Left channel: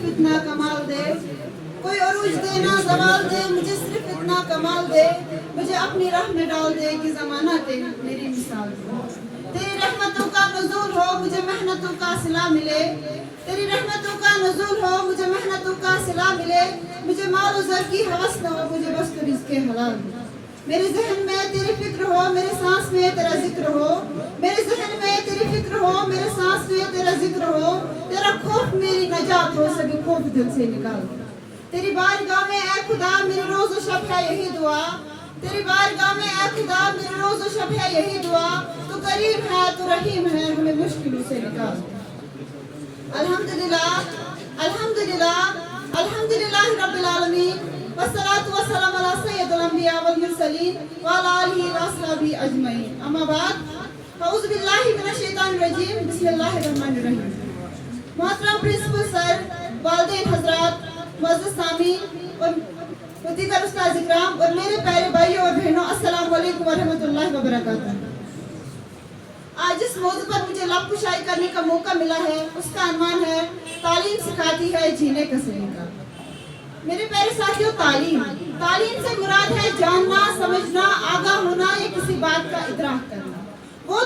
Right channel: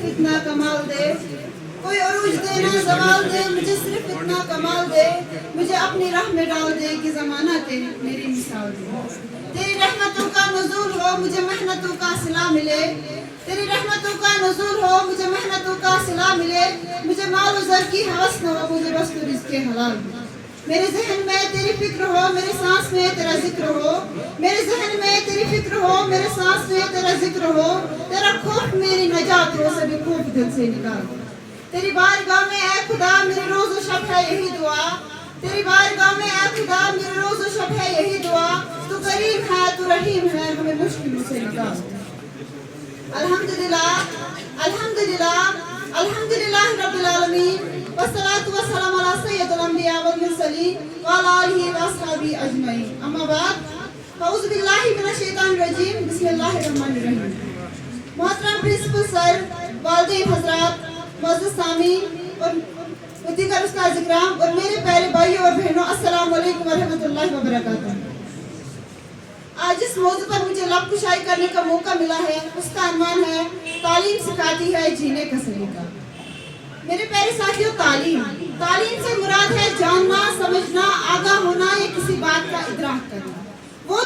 सिर्फ इतना कमाल दे, कोई अरूज दे ना जवाल दे, मुझे सिर्फ इतना कमाल दे, मुझे अपनी राह में डाल दे कि ज़माना तेरी मेरी मिसाल दे। तेरी रहमतों का नुज़ूल हो, मुझे मेहनतों का सिला मिले, तेरी रहमतों का नुज़ूल हो, मुझे मेहनतों का सिला मिले, मुझे माल और ज़र की हवस न हो, मुझे बस तो रिज़्क़े हलाल हो। मेरे ज़हन में तेरी फिक्र हो, मेरे सांस में तेरा जिक्र हो, मेरे ज़हन में तेरी फिक्र हो, मेरे सांस में तेरा जिक्र हो, तेरा खौफ मेरी नजात हो, सभी खौफ दिल से निकाल। तेरी बारगाह में ऐ खुदा मेरी रोज़ और शब है यही दुआ, तेरी बारगाह में ऐ खुदा मेरी रोज़ और शब है यही दुआ, तू करीम है तू रहीम है, हमें मुश्किलों से निकाल। अल्हम्दुलिल्लाह अल्हम्दुलिल्लाह अल्हम्दुलिल्लाह रब्बिल आलमीन, वस्सलातु वस्सलामु अला सय्यिदिल अंबिया वल मुरसलीन व अला आलिहि व अस्हाबिहि अजमईन। अम्मा बाद, औज़ु बिल्लाहि मिनश शैतानिर रजीम, बिस्मिल्लाहिर रहमानिर रहीम। मोहतरम प्रिंसिपल सर, वालिदैन हज़रात, मुअज़्ज़िज़ सामीन और दीगर उस्ताद इकराम और मेरे प्यारे भाइयों और बहनों, अस्सलामु अलैकुम व रहमतुल्लाहि व बरकातहू। आज जिस मौजू पर मुझे लब कुशाई करने का मौका मिला है, उसका अनुमान है तालीम सिखाती है जीने का सलीका। मेरे प्यारे साथियों, तालीम से मुराद है जानना, समझना, आगाह होना या किसी बात का इदराक करना। वो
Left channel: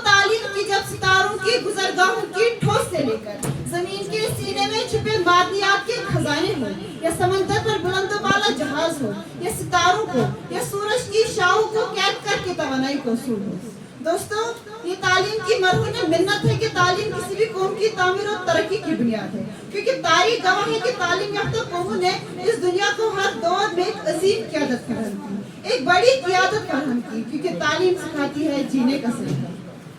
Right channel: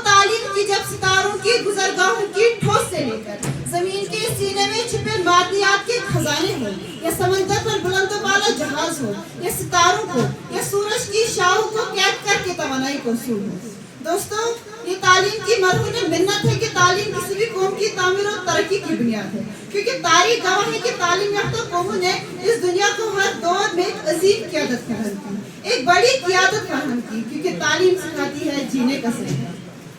तालीम की जब सितारों की गुजरगाहों की ठोस से लेकर जमीन के सीने में छुपे मादनियात के खजाने हो, या समंदर पर बुलंदो बाला जहाज हो, या सितारों को या सूरज की शाहों को कैद करके तवानाई को सूद हो। दोस्तों, ये तालीम की मरहून मिन्नत है कि तालीम किसी भी कौम की तामीर और तरक्की की बुनियाद है, क्योंकि तारीख गवाह है कि तालीम याफ्ता कौमों ने इस दुनिया को हर दौर में एक अजीम क़यादत फराहम की, एक बड़ी क़यादत फराहम की, क्योंकि तालीम सिखाती है जीने का सलीका।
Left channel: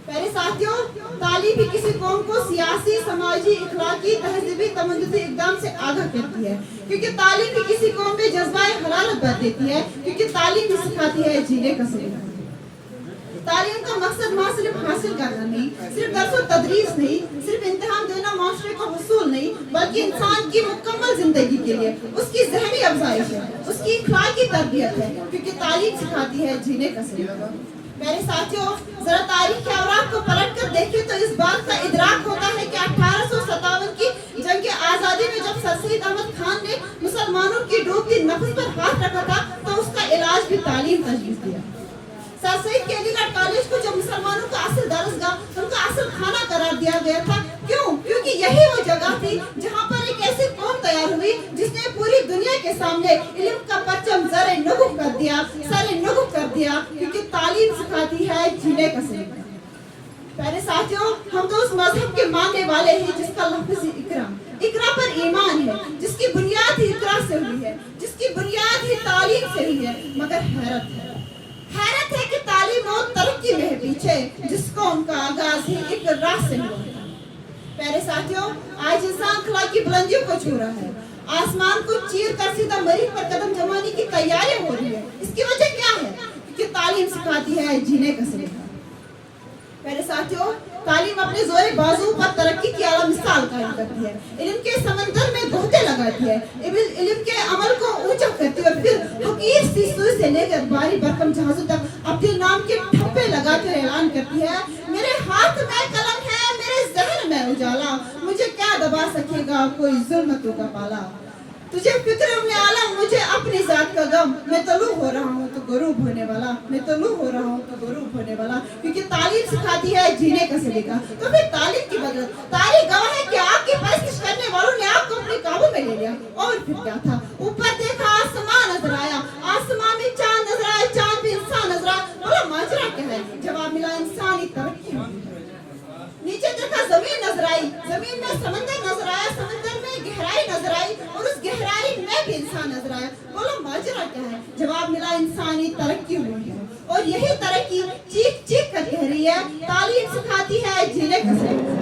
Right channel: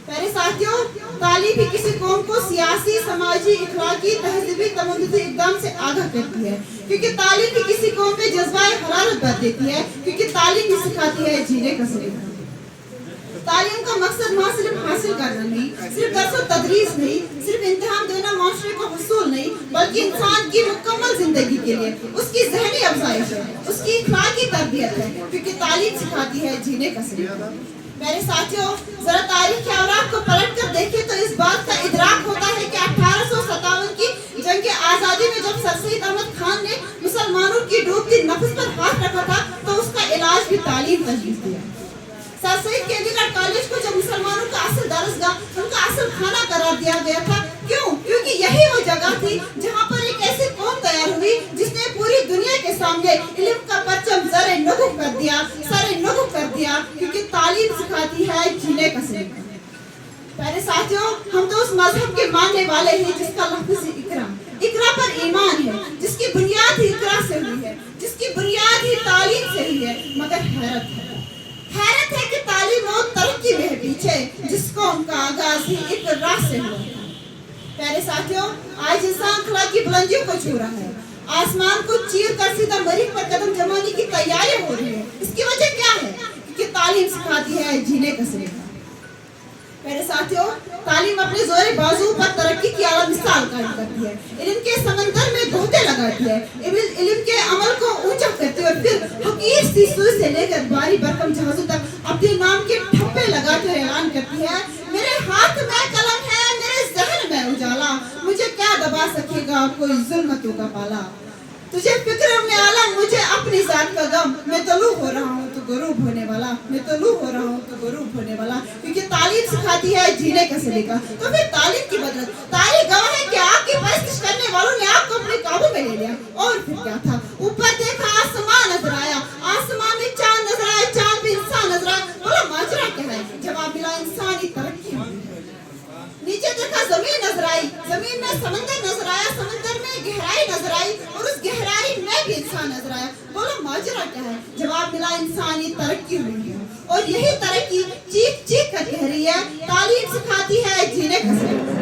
प्यारे साथियों, तालीम भी किसी कौम को सियासी, समाजी, इखलाकी, तहजीबी, तमद्दुनी इक़दाम से आगाह करती है, क्योंकि तालीम भी किसी कौम में जज्बाए हरारत भर देती है, क्योंकि तालीम भी सिखाती है जीने का सलीका। तालीम का मकसद वहाँ सिर्फ हासिल करना नहीं, सिर्फ दर्स और तदरीस नहीं, सिर्फ इम्तिहान देना माशरे को हुसूल नहीं, बल्कि इंसान की मुकम्मल जिंदगी के लिए उसकी ज़हनी अफजाइश है, उसकी इखलाकी तरबियत है, क्योंकि तालीम सिखाती है जीने का सलीका। मेरे साथियों, जरा तारीख के अवराक को पलट कर देखें तो इस बात का इदराक होता है कि 1857 की जंग आज़ादी में जब सर सईद अहमद खान ने मुसलमानों की डूबती नफ्स पर हाथ रखा था, तो उसका इलाज भी तालीम तजवीज़ दिया। सर सईद के अलीगढ़ कॉलेज को जब मुसलमानों का असल दरसगाह, उनका असल खाना करार दिया गया था, क्यों? क्योंकि यही वो जगह थी जहाँ पर एक ऐसी कौम तैयार हुई जिसने पूरी दुनिया के सामने इल्म का परचम सरे नगु कर दिया, क्योंकि तालीम सिखाती है जीने का सलीका। प्यारे साथियों, हम तो उस मजहब के मानने वाले हैं जिसका लफ्ज़ इकरा पर ईमान है, जिसकी बुनियाद ही इकरा से हुई है, जिसकी बुनियाद ही तालीम से हुई है। मगर हैरत है कि तालीम और तरक्की में पीछे जिसको उनका आगाज ही इकरा से हुआ। प्यारे साथियों, आज इंसान अखलाकी बुलंदियों को छू रहा है, आसमान को चीर कर सीधा मरीज पर कदम जमाने की तैयारी हो रही है। इसकी वजह क्या है? क्योंकि तालीम सिखाती है जीने का सलीका। मेरे साथियों, तालीम अपने जोरे बाजू पर तरक्की की आला मिसाल कायम करती है, इल्म के समंदर में गोते लगाती है, इल्म के अमल को ऊंचा करती है और फिर हकीर सी सुई से लेकर भारी भरकम जहाजों तक अपने नाम के ठप्पे लगाकर ऐलान करती है, मेरे हाथ में कलम है, मेरे ज़हन में उजाला, मुझे क्या दबा सकेगा कोई जुल्मतों का पाला। तुझे फिक्र में आला, मुझे अपनी जात का गम, मैं तलू हो रहा हूँ तो गरूब होने वाला, मैं तलू हो रहा हूँ तो गरूब होने वाला, क्योंकि तालीम सिखाती है जीने का सलीका। तो फिर तालीम की बदौलत तारीख गवाह है कि आग की परस्तिश करने वालों ने आग को अपने काबू में ले लिया। और फिर क्या था? ऊपर देखा आसमान नजर आया, आसमान में चांद नजर आया, चांद पे इंसान नजर आया। बोला माजरा क्या है? जवाब मिला इंसानी तरक्की। नीचे देखा जमीन नजर आई, जमीन में समंदर नजर आया, समंदर में गहराई नजर आई और उस गहराई में भी इंसान नजर आया। बोलो माजरा क्या है? जवाब मिला इंसानी तरक्की हुई है। और यही तरक्की चीख चीख कर कह रही है, तालीम सिखाती है जीने का सलीका।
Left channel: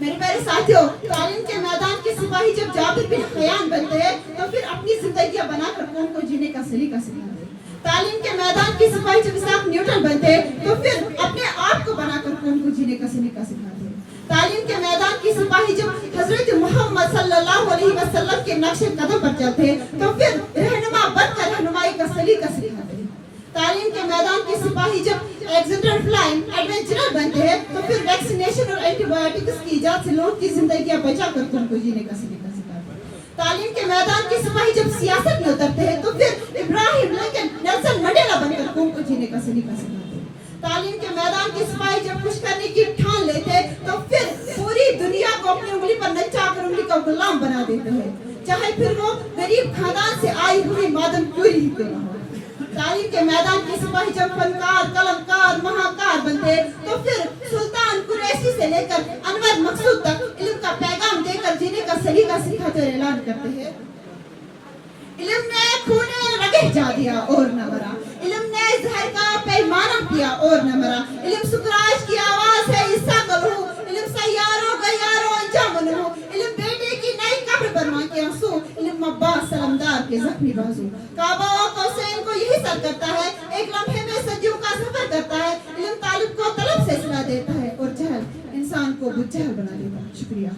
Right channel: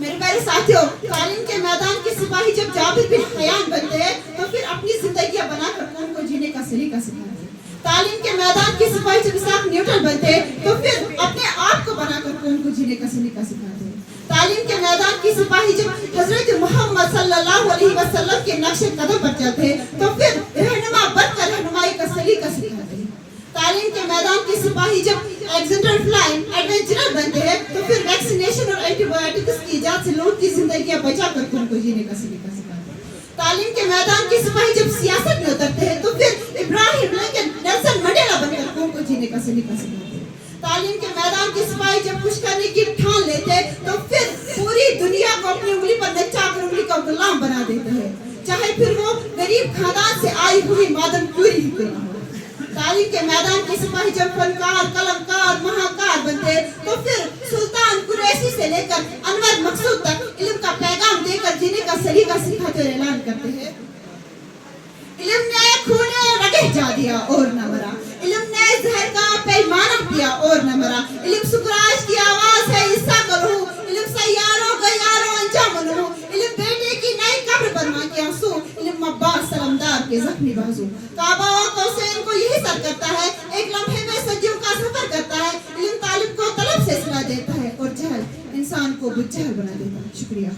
मेरे प्यारे साथियों, तालीम के मैदान के सिपाही जब जाबिर बिन हयान बनते हैं तो फिर अपनी जिंदगियां बनाकर कौम को जीने का सलीका सिखाते हैं। तालीम के मैदान के सिपाही जब इसाक न्यूटन बनते हैं तो फिर अपने आप को बनाकर कौम को जीने का सलीका सिखाते हैं। तालीम के मैदान के सिपाही जब हजरत मोहम्मद सल्लल्लाहु अलैहि वसल्लम के नक्शे कदम पर चलते हैं तो फिर रहनुमा बनकर रहनुमाई का सलीका सिखाते हैं। तालीम के मैदान के सिपाही जब एक्सीडेंटल फ्लाइंग एडवेंचरर बनते हैं तो फिर वैक्सीनेशन और एंटीबायोटिक्स की इजाद से लोगों की जिंदगियां बचा कर उनको जीने का सलीका सिखाते हैं। तालीम के मैदान के सिपाही जब सियासत में उतरते हैं तो फिर इब्राहिम लिंकन नेल्सन मंडेला बनकर कौम को जीने का सलीका सिखाते हैं। तालीम के मैदान के सिपाही जब कुछ करने की ठान लेते हैं तो फिर पूरी दुनिया को अपनी उंगली पर नचा कर उंगली का गुलाम बना देते हैं, चाहे फिर वो गरीब खानदान से आई हुई मादम क्यों ही क्यों ना हो। तालीम के मैदान के सिपाही जब फनकार, कलमकार, महाकार बनते तो फिर सुल्तान कुरैशी से लेकर अनवर मकसूद तक इल्म का पैगाम देकर जीने का सलीका सिखाते और ऐलान करते हैं। इल्म ने खूने रगे जा दिया और न मरा, इल्म ने जहर का पैमाना पिया और न मरा, इल्म सुकराज की आवाज है इस्सा करो, इल्म सैयारों गयारों अंजाम नो, इल्म बेटे की नई कब्र बनवा के आंसू, इल्म अब्बास सलमदार के जख्मी बाजू। काबा और कौसैन को यही सर करता है, एक लम्हे में सदियों का सफर करता है, इल्म तालिब को तलब से सिला देता है और जहल इंसान को बुजहल बना देता है। शुक्रिया।